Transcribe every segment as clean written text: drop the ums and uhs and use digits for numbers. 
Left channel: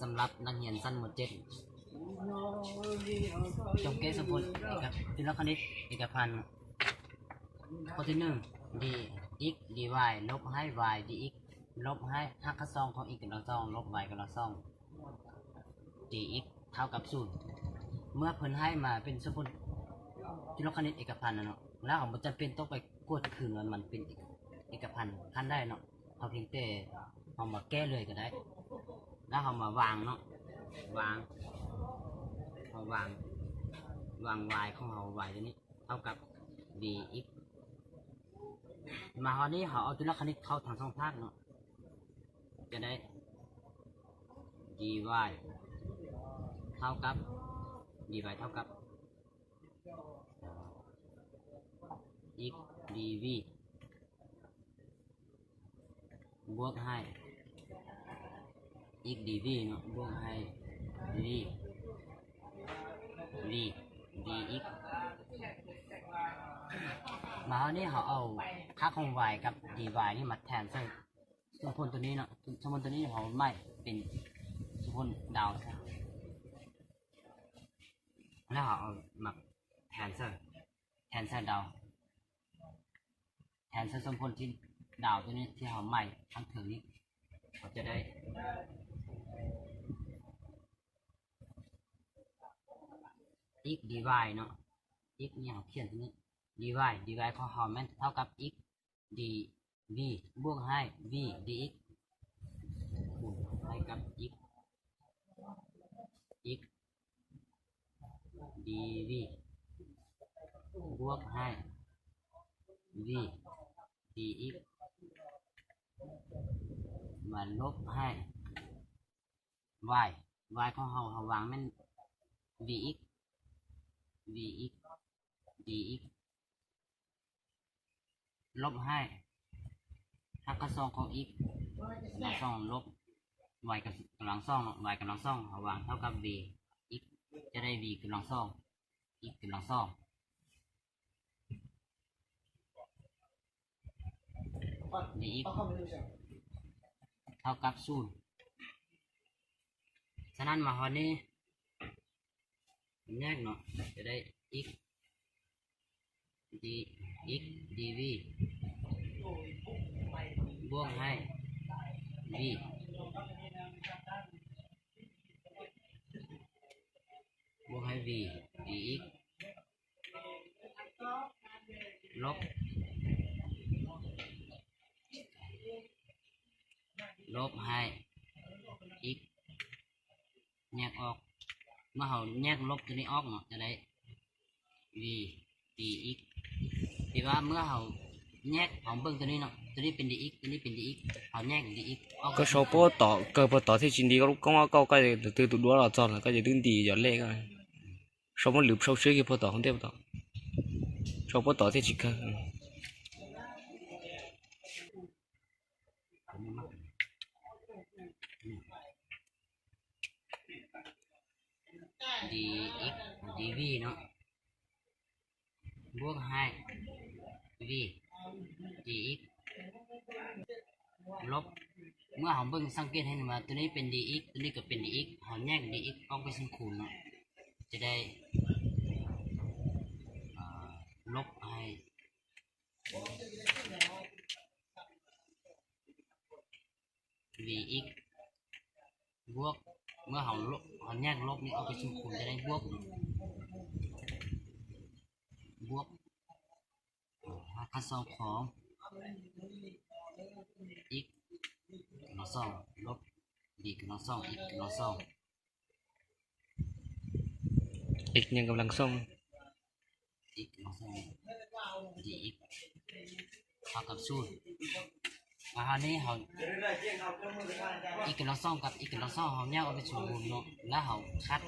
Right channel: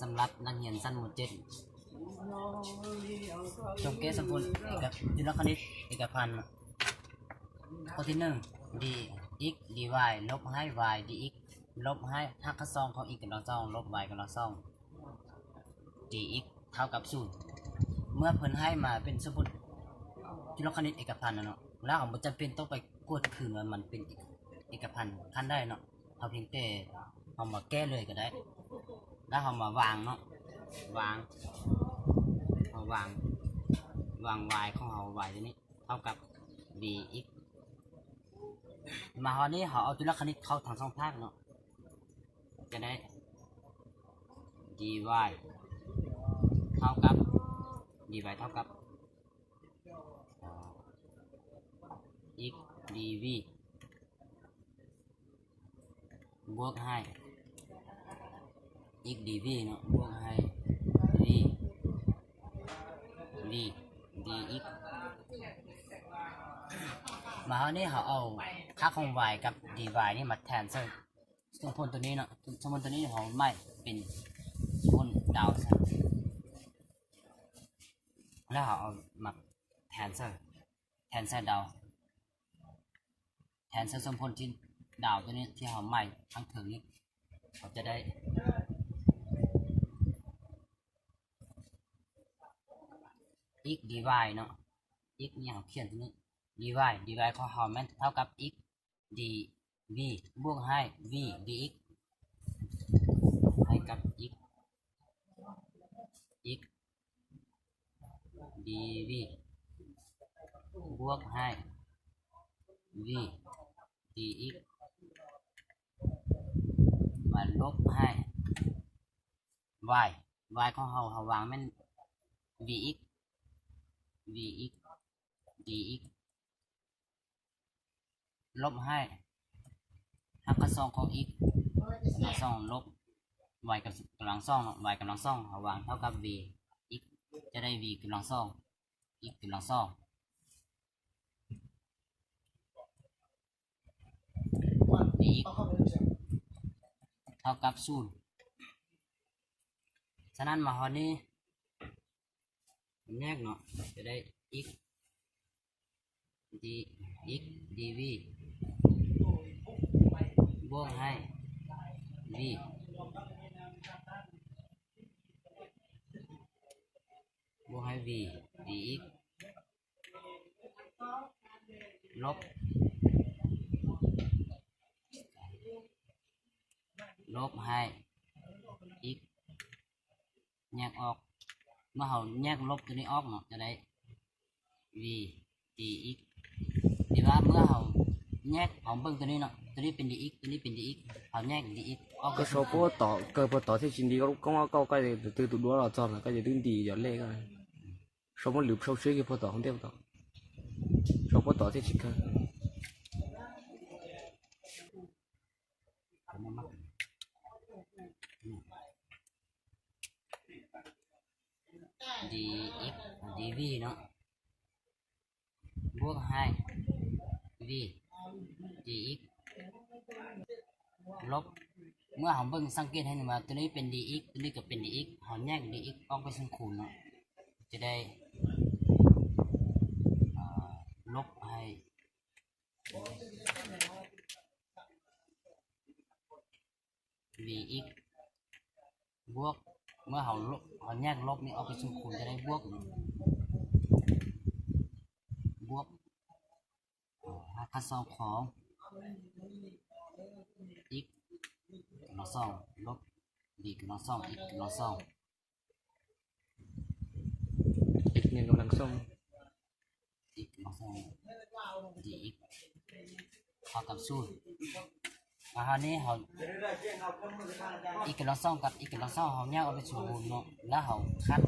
สำหรับนักเรียนชั้นม .7 จงเกสมพลจิตรคณิตเอกพันธ์ข้อที่1 d x dy ลบให้ y dx ลบให้หักข้อซองของ x กำลังซองลบ y กำลังซอง dx เท่ากับ0เมื่อเพิ่นให้มาเป็นสมพลจิตรคณิตเอกพันธ์เนาะแล้วเราจำเป็นต้องไปกดคืนว่ามันเป็นเอกพันธ์ขั้นได้เนาะเราเพียงแต่เรามาแก้เลยก็ได้แล้วเรามาวางเนาะวางy ของเรา y ตัวนี้เท่ากับ dx มาคราวนี้เขาเอาจุลคณิตเข้าทางช่องภาคเนาะจะได้ dy เท่ากับ dy เท่ากับ x dv บวกให้ x dv เนาะบวกให้ v dx มาคราวนี้เขาเอาค่าของ y กับ dy นี่มาแทนซึ่งสมพลตัวนี้เนาะสมพลตัวนี้ของไม่เป็นสมพลดาวแล้วเขาเอามาแทนเซอร์ดาวแทนเซอร์สมพลที่ดาวตัวนี้ที่เขาใหม่ทั้งถึงนี้เขาจะได้ x dy เนาะ x เนี่ยเขาเขียนตัวนี้ dy ของเขาแม่นเท่ากับ x dv บวกให้ v dx ให้กับ x dv บวกให้ v dx มาลบให้ y ของเขาวางแม่น vx dx ลบให้หักกระซองของ x กำลังซองลบ y กำลังซอง y กำลังซองเขาวางเท่ากับ v x จะได้ v กำลังซอง x กำลังซองdx เท่ากับ0ฉะนั้นมาหอนี้แยกเนาะจะได้ x dv บวกให้ v บวกให้ v dx ลบให้ x แยกออกเมื่อเราแยกลบตัวนี้ออกเนาะจะได้ v dx ดีว่าเมื่อเราแยกของเบิ้งตัวนี้เนาะตัวนี้เป็น dx ตัวนี้เป็น dx เราแยก dx ออก cái số bữa tỏ thì chính đi có cái từ tụ đua là chọn là cái gì đứng đi giờ lệ cái số một lượt số cái bữa tỏ không tiếp tỏ số bữa tỏ thì chỉ cần dx dv เนาะบวกให้ v dx ลบเมื่อเราเบิ่งสังเกตให้หนึ่งว่าตัวนี้เป็น dx ตัวนี้ก็เป็น dx เราแยก dx ออกไปเป็นคูณเนาะจะได้ลบให้ vx บวกเมื่อเราแยกลบนี่ออกไปเป็นคูณจะได้บวกหักค่าซองของ x กำลังสองลบ b กำลังสอง x กำลังสอง x nhân cầm lăng sông x กำลังสอง dx เท่ากับ0มาคราวนี้เรา x กำลังสองกับ x กำลังสองเราแยกออกไปเป็นคูณเนาะแล้วเราคัด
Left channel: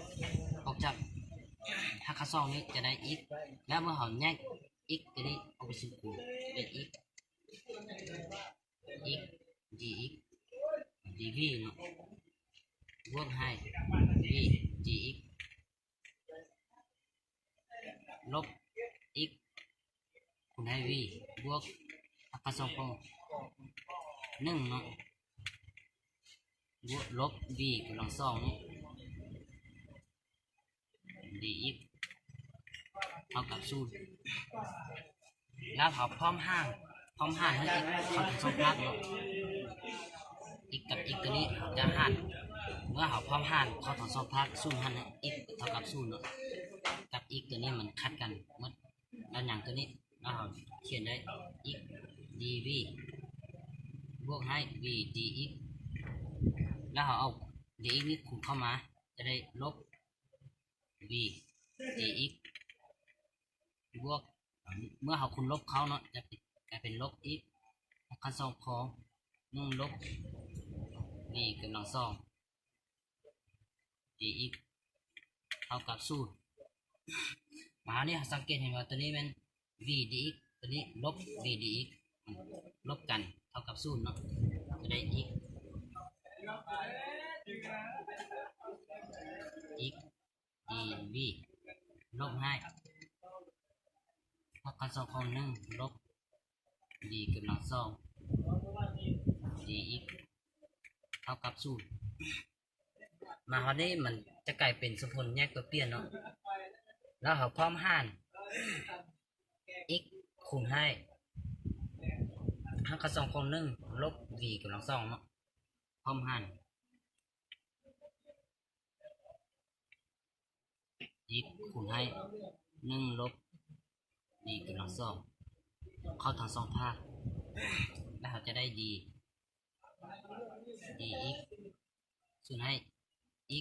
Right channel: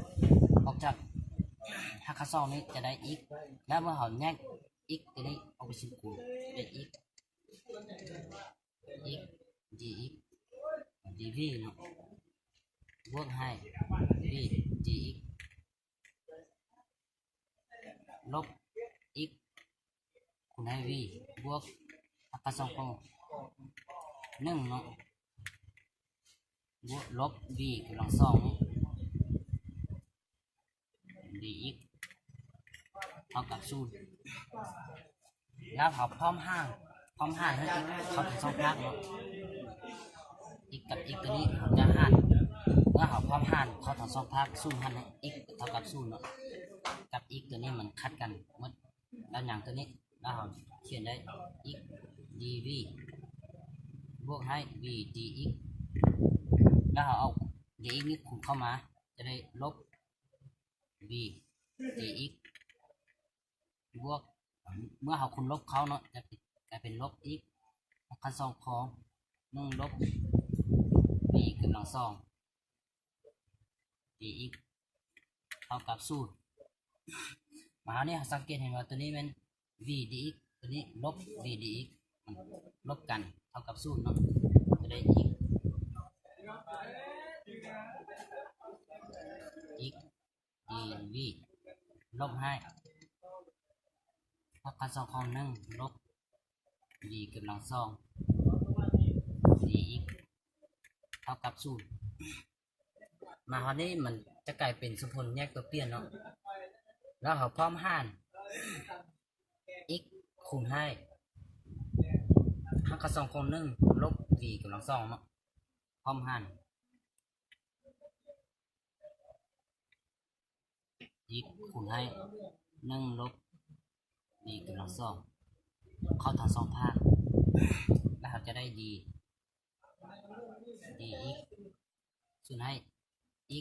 ออกจากหักค่าซองนี้จะได้ x แล้วเมื่อเราแยก x ตัวนี้ออกไปเป็นคูณเป็น x dx dv เนาะบวกให้ v dx ลบ x คูณให้ v บวกหักกระซองของ1เนาะ บวกลบ v กำลังสอง dx เท่ากับศูนย์แล้วเขาพร้อมห้างให้ x เขาเป็นสองภาคเนาะ x กับ x ตัวนี้ผมจะห้างเมื่อเขาพร้อมห้างเขาถอนสองภาคศูนย์หันให้ x เท่ากับศูนย์เนาะกับ x ตัวนี้มันคัดกันหมดแล้วอย่างตัวนี้แล้วเขาเขียนได้ x dv บวกให้ v dx แล้วเขาเอา dx นี่คูณเข้ามาจะได้ลบ v dx บวกเมื่อเขาคูณลบเขาเนาะจะกลายเป็นลบ x ขั้นสองของ1ลบ v กำลังสอง dx เท่ากับศูนย์มาเนี่ยสังเกตเห็นว่าตัวนี้เป็น v dx ตัวนี้ลบ v dx ลบกันเท่ากับศูนย์เนาะจะได้ x dv ลบให้พักกันสองของ1ลบ v กำลังสอง dx เท่ากับศูนย์มาคราวนี้มันจะกลายเป็นสมผลแยกตัวเปลี่ยนเนาะแล้วเขาพร้อมหาร x คูณให้พักกันสองของ1ลบ v กำลังสองเนาะพร้อมหาร x คูณให้1ลบ v กำลังสองเข้าทั้งสองภาคแล้วเราจะได้ dx ส่วนให้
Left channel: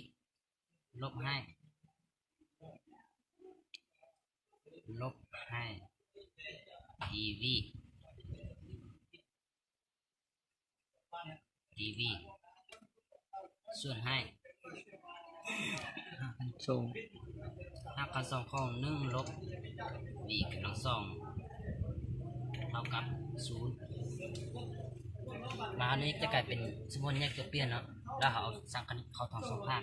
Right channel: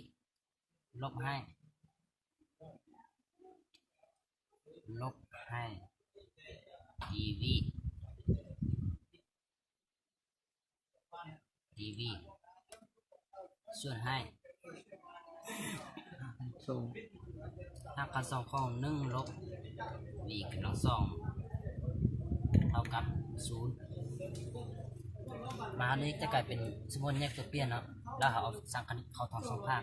x ลบให้dv ส่วนให้ส่งหักกันสองของ1ลบ v กำลังสองเท่ากับ0มาอันนี้จะกลายเป็นสมมติแยกตัวเปลี่ยนเนาะแล้วเขาเอาสังคณิตเข้าทั้งสองภาค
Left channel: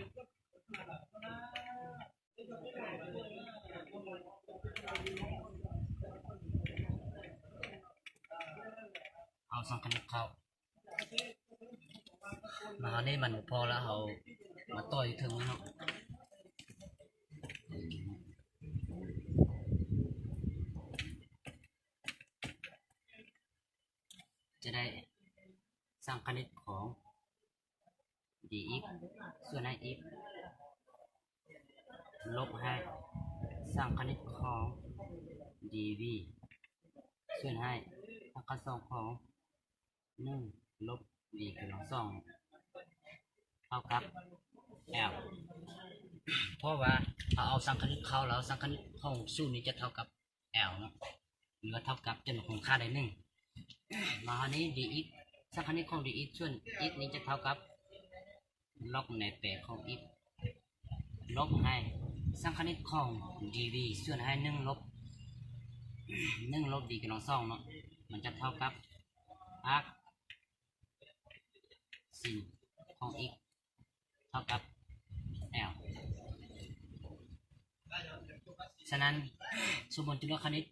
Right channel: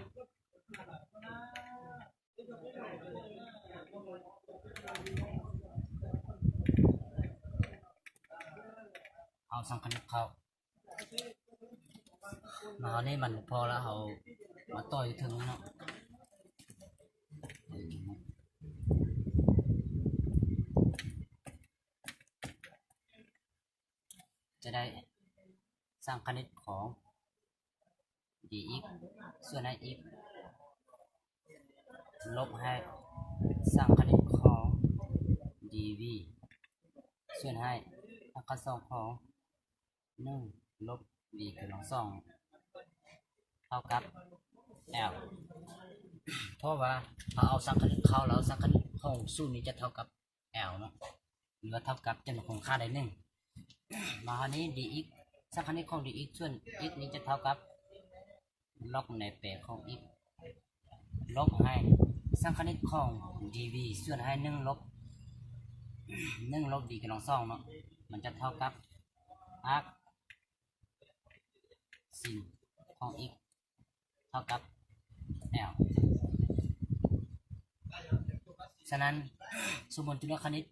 เอาสังคณิตเข้ามาอันนี้มันพอแล้วเขามาต่อยถึงเนาะจะได้สร้างคณิตของ dx ส่วนให้ x ลบให้สร้างคณิตของ dv ส่วนให้หักกันสองของ1ลบ v กำลังสองเท่ากับ l เพราะว่าเขาเอาสร้างคณิตเข้าแล้วสร้างคณิตของศูนย์นี้จะเท่ากับ l เนาะหรือว่าเท่ากับจำนวนของค่าใดหนึ่งมาคราวนี้ dx สร้างคณิตของ dx ส่วน x นี้จะเท่ากับลบในแปดของ x ลบให้สร้างคณิตของ dv ส่วนให้1ลบv กำลังสองเนาะมันจะเท่ากับ arc sin ของ x เท่ากับ l ฉะนั้นสมมติจุลคณิต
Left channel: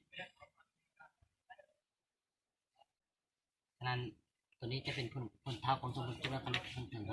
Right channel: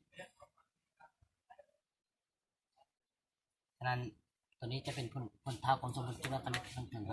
ฉะนั้นตัวนี้จะเป็นผลเท่าของสมมติจุลคณิตทั้งถึง